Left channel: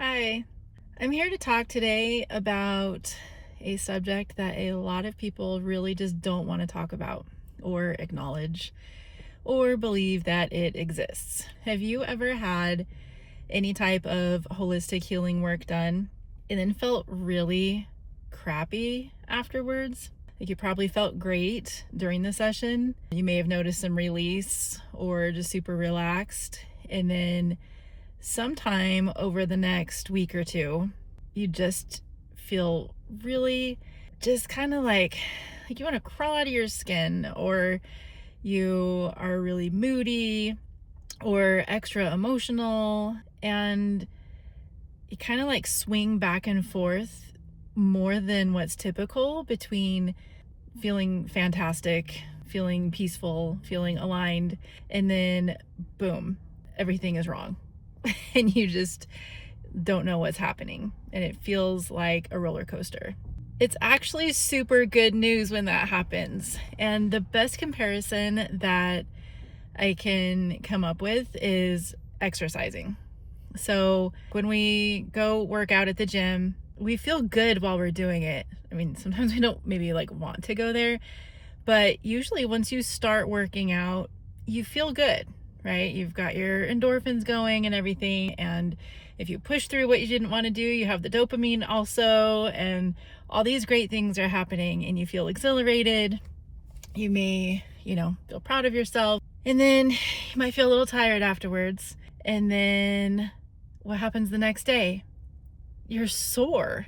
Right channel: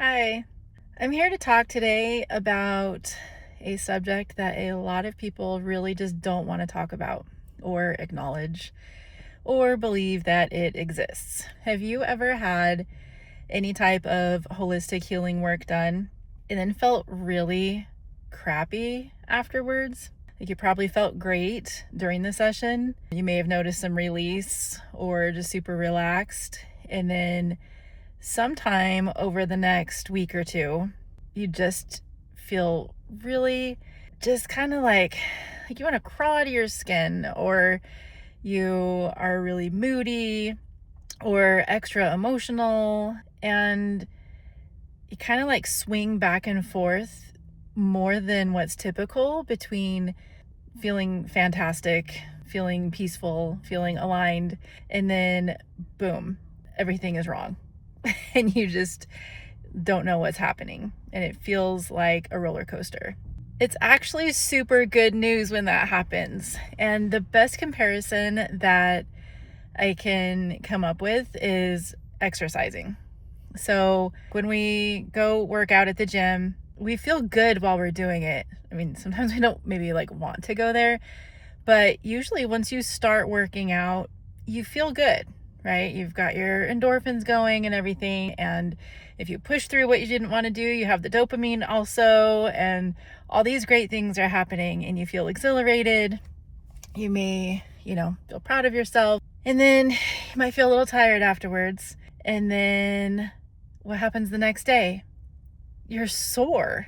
Hi, I'm here to talk today about a subject that a lot of people really just don't want to talk about or acknowledge or believe that it exists. Have you ever had any type of holistic healing work done and then felt really crappy afterwards? Like you probably felt great during the session. You may have noticed some release or just super relaxed, and then sometime over the next week or two, you just feel really just kind of like you want to crawl out of your skin, or you are really moody or extra emotional, and you kind of like swing back and forth more than what's typical between feeling fantastic, feeling peaceful, feeling aligned, and then boom, everything is wrong. And you just don't know what's happening. And it feels like a roller coaster. It's actually super good news when that happens. And the best comparison that I can come up with is exercising. So when we go work out at the gym, we feel good while we're doing it. I mean, sometimes we don't maybe like want to go there, but usually once you start working out, you feel good, right? You've got your endorphins going and everything. And if you push through what you didn't want to do, you have the dopamine also. And all these great things are happening and you feel exhilarated. You may, feel proud of yourself. And then you might feel a little tired afterwards. And then what happens the next day? You're sore,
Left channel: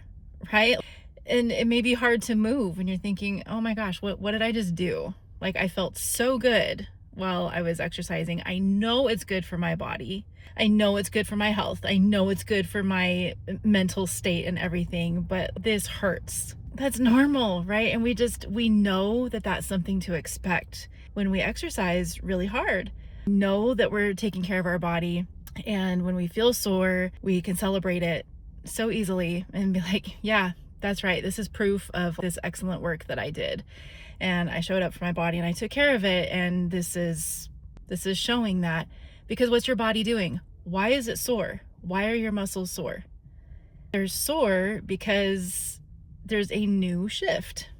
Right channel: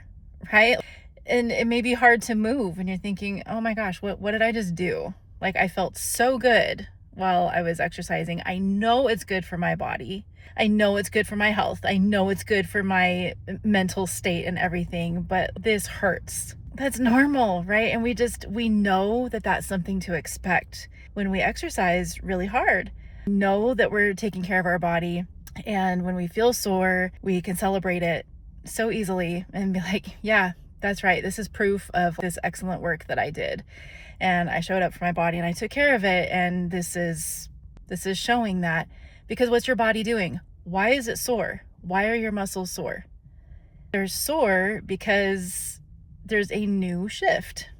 right? And it may be hard to move and you're thinking, oh my gosh, what did I just do? Like, I felt so good while I was exercising. I know it's good for my body. I know it's good for my health. I know it's good for my mental state and everything, but this hurts. That's normal, right? And we know that that's something to expect when we exercise really hard. Know that we're taking care of our body. And when we feel sore, we can celebrate it so easily and be like, yeah, that's right. This is proof of this excellent work that I did. And I showed up for my body and I took care of it. And this is showing that. Because what's your body doing? Why is it sore? Why are your muscles sore? They're sore because there's a new shift.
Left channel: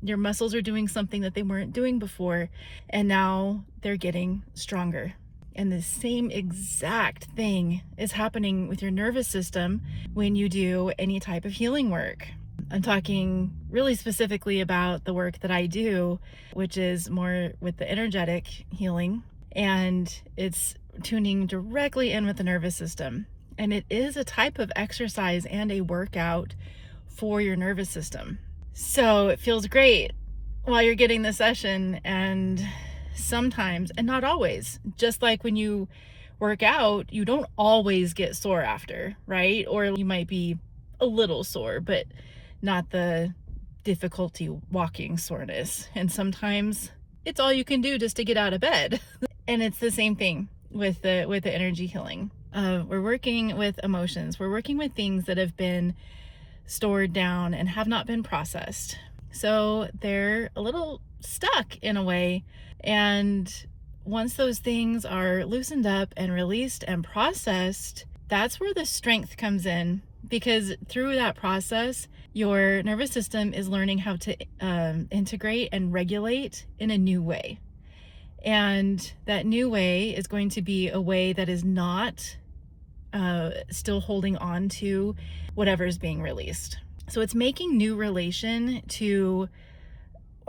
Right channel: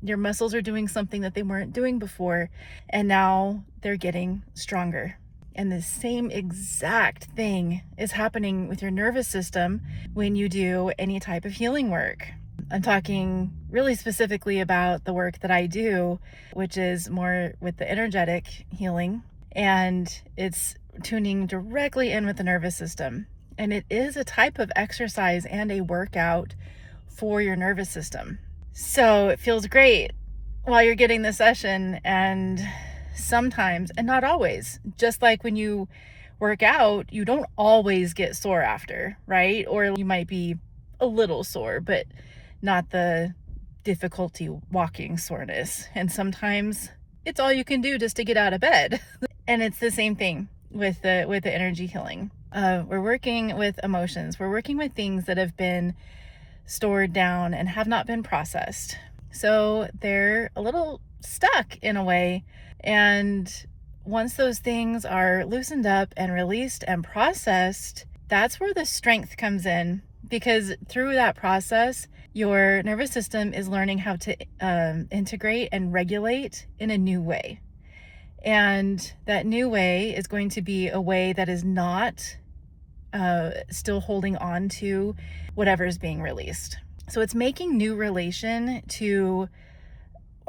Your muscles are doing something that they weren't doing before, and now they're getting stronger. And the same exact thing is happening with your nervous system when you do any type of healing work. I'm talking really specifically about the work that I do, which is more with the energetic healing, and it's tuning directly in with the nervous system. And it is a type of exercise and a workout for your nervous system. So it feels great while you're getting the session, and sometimes, and not always, just like when you work out, you don't always get sore after, right? Or you might be a little sore, but not the difficulty walking soreness. And sometimes it's all you can do just to get out of bed. And it's the same thing with the energy healing. We're working with emotions. We're working with things that have been stored down and have not been processed. So they're a little stuck in a way. And once those things are loosened up and released and processed, that's where the strength comes in. Because through that process, your nervous system is learning how to integrate and regulate in a new way. And that new way is going to be a way that is not still holding on to whatever is being released. So it's making new relation to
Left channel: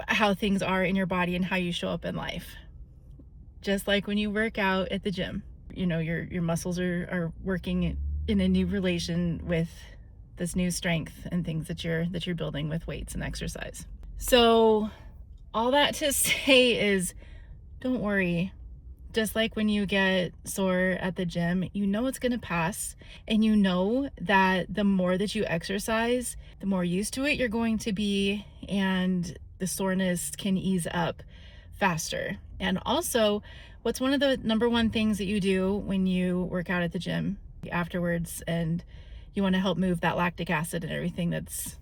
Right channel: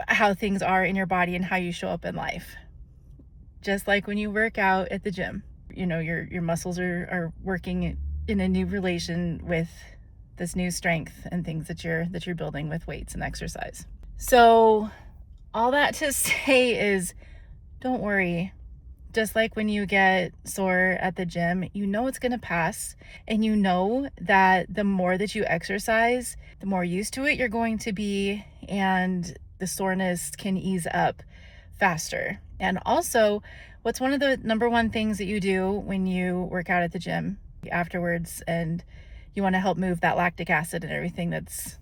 how things are in your body and how you show up in life. Just like when you work out at the gym, your muscles are working in a new relation with this new strength and things that you're building with weights and exercise. So all that to say is, don't worry. Just like when you get sore at the gym, you know it's going to pass, and you know that the more that you exercise, the more used to it you're going to be, and the soreness can ease up faster. And also, what's one of the number one things that you do when you work out at the gym afterwards and you want to help move that lactic acid and everything that's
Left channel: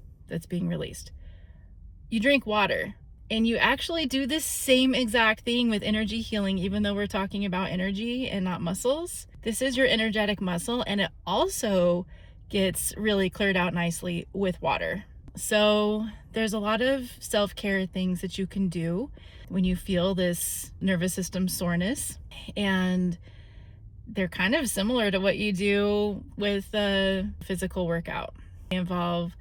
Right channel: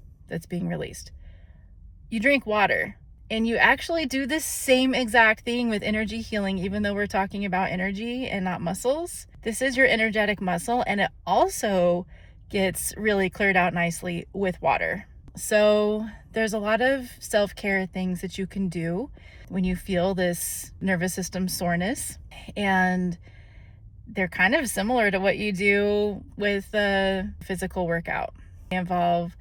being released? You drink water. And you actually do the same exact thing with energy healing, even though we're talking about energy and not muscles. This is your energetic muscle, and it also gets really cleared out nicely with water. So there's a lot of self-care things that you can do when you feel this nervous system soreness, and they're kind of similar to what you do with a physical workout. They involve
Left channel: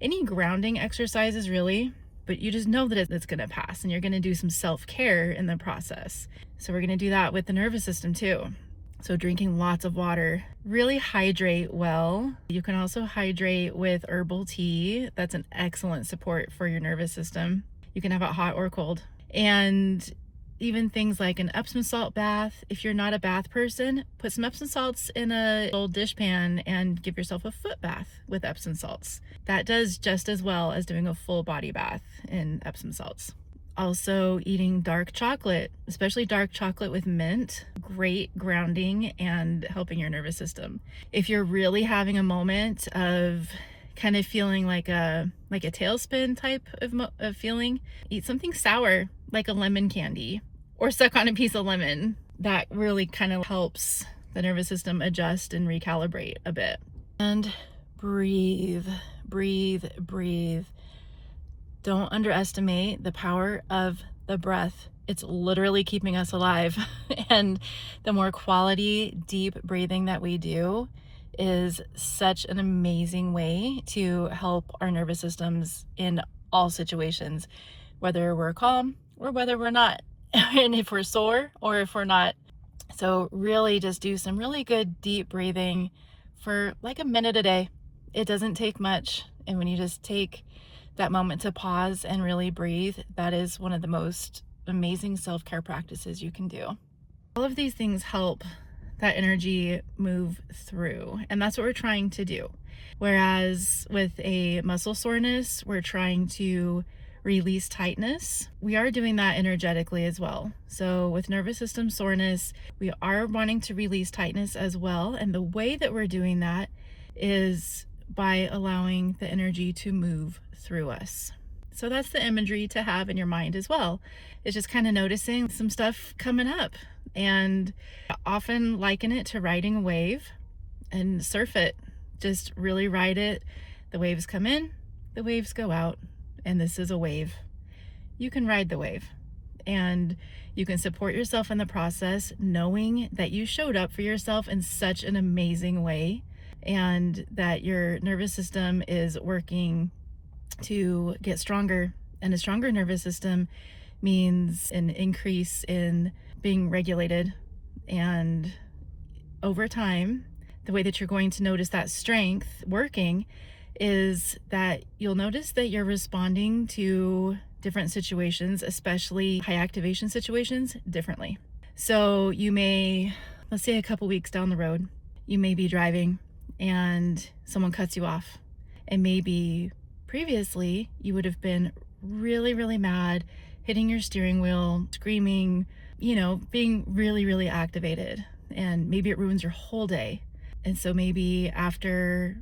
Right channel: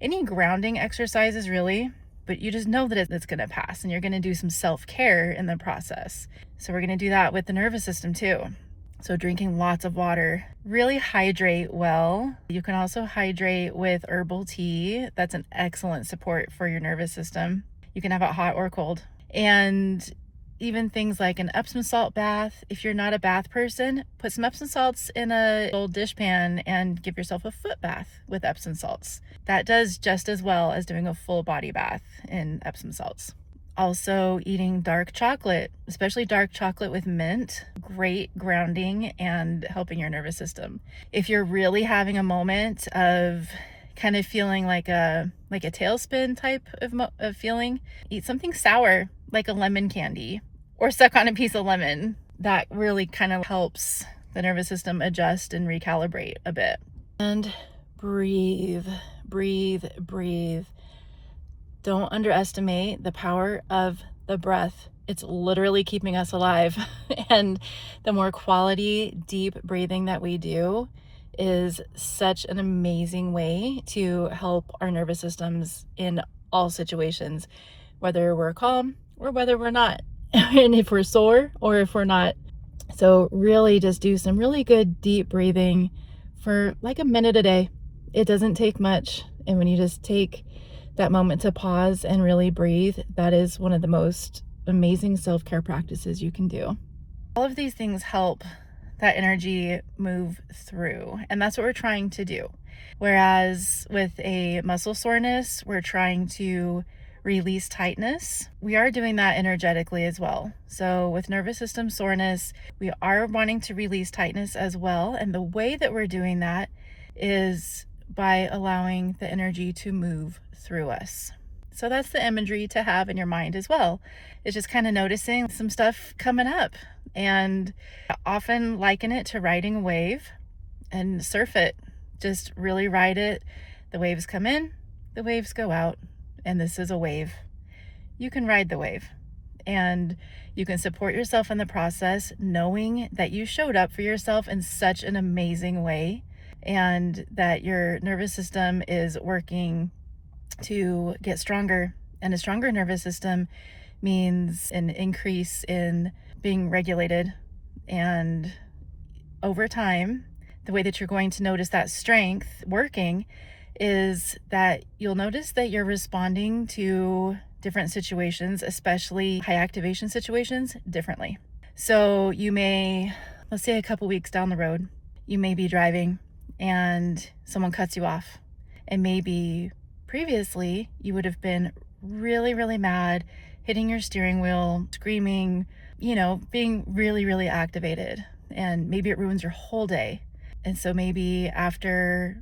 any grounding exercises really, but you just know that it's going to pass, and you're going to do some self-care in the process. So we're going to do that with the nervous system too. So drinking lots of water, really hydrate well. You can also hydrate with herbal tea. That's an excellent support for your nervous system. You can have it hot or cold. And even things like an Epsom salt bath. If you're not a bath person, put some Epsom salts in a old dish pan and give yourself a foot bath with Epsom salts. That does just as well as doing a full body bath in Epsom salts. Also eating dark chocolate, especially dark chocolate with mint, great grounding and helping your nervous system. If you're really having a moment of kind of feeling like a tailspin type of feeling, eat something sour like a lemon candy or suck on a piece of lemon. That really kind of helps the nervous system adjust and recalibrate a bit. And breathe, breathe, breathe. Don't underestimate the power of the breath. It's literally keeping us alive. And the more quality, deep breathing that we do is such an amazing way to help our nervous systems in all situations, whether we're calm or whether we're not, and if we're sore or if we're not. So really just do some really good deep breathing for like a minute a day. It doesn't take much. And when you just take that moment to pause and really breathe, that is one of the most amazing self-care practices you can do. All of these things help that energy move through, and that's what we're trying to do. Whereas with a muscle soreness, we're trying to release tightness. We are doing that energetically as well. So with nervous system soreness, we are wanting to release tightness as well. And the way that we're doing that is by allowing the energy to move through us. So that's the imagery to have in your mind as well. It's just kind of noticing some stuff coming up, and I often liken it to riding a wave and surf it. Just really ride it. The waves come in, the waves go out, and this is a wave. You can ride the wave, and you can support yourself in the process, knowing that you showed up for yourself in such an amazing way, and that your nervous system is working to get stronger. And a stronger nervous system means an increase in being regulated. And over time, the way that you're going to notice that strength working is that you'll notice that you're responding to different situations, especially high activation situations, differently. So you may, let's say a couple weeks down the road, you may be driving and someone cuts you off. And maybe previously you would have been really, really mad, hitting your steering wheel, screaming, being really, really activated. And maybe it ruins your whole day. And so maybe after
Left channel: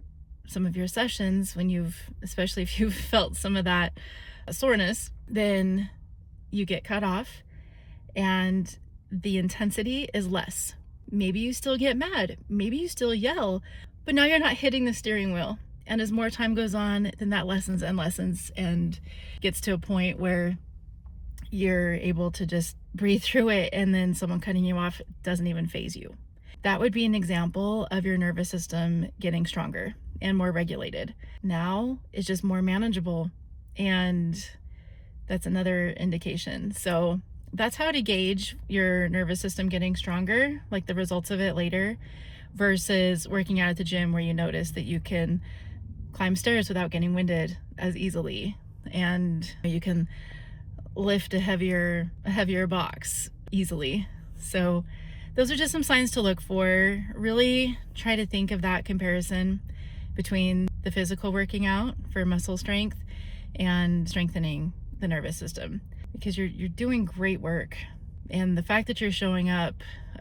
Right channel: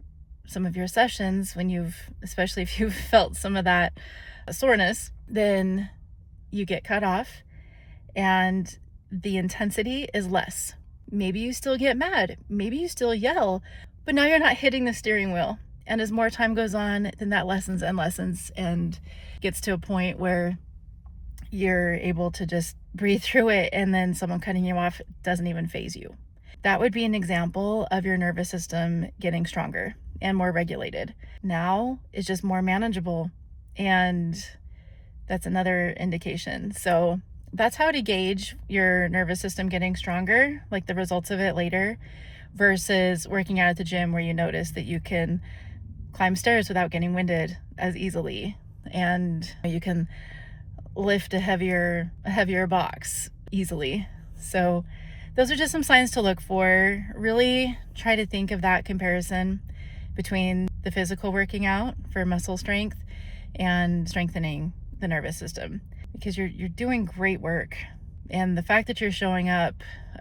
some of your sessions, especially if you've felt some of that soreness, then you get cut off and the intensity is less. Maybe you still get mad, maybe you still yell, but now you're not hitting the steering wheel. And as more time goes on, then that lessens and gets to a point where you're able to just breathe through it, and then someone cutting you off doesn't even faze you. That would be an example of your nervous system getting stronger and more regulated. Now it's just more manageable, and that's another indication. So that's how to gauge your nervous system getting stronger, like the results of it later, versus working out at the gym where you notice that you can climb stairs without getting winded as easily, and you can lift a heavier box easily. So those are just some signs to look for. Really try to think of that comparison between the physical working out for muscle strength and strengthening the nervous system, because you're doing great work. And the fact that you're showing up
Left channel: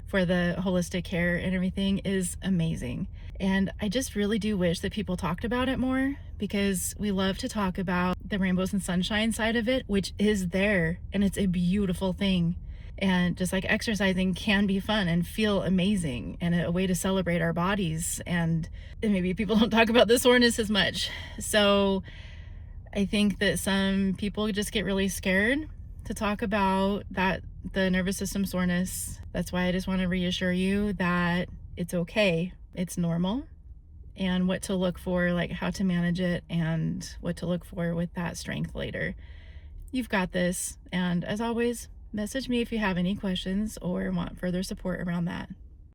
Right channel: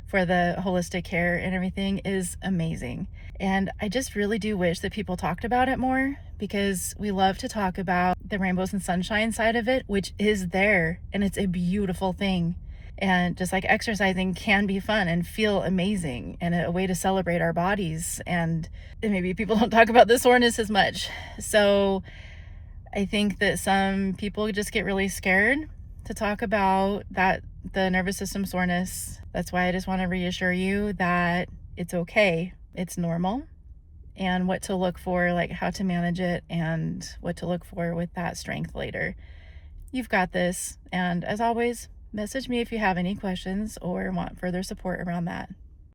for the holistic care and everything is amazing. And I just really do wish that people talked about it more, because we love to talk about the rainbows and sunshine side of it, which is there, and it's a beautiful thing. And just like exercising can be fun and feel amazing and a way to celebrate our bodies. And maybe people don't talk about the soreness as much. So I think that some people just get really scared to talk about that, the nervous system soreness. That's why I just want to reassure you that it's okay. It's normal, and what to look for, like how to manage it and what to look for with that strength later. You've got this. And as always, message me if you have any questions or want further support around that.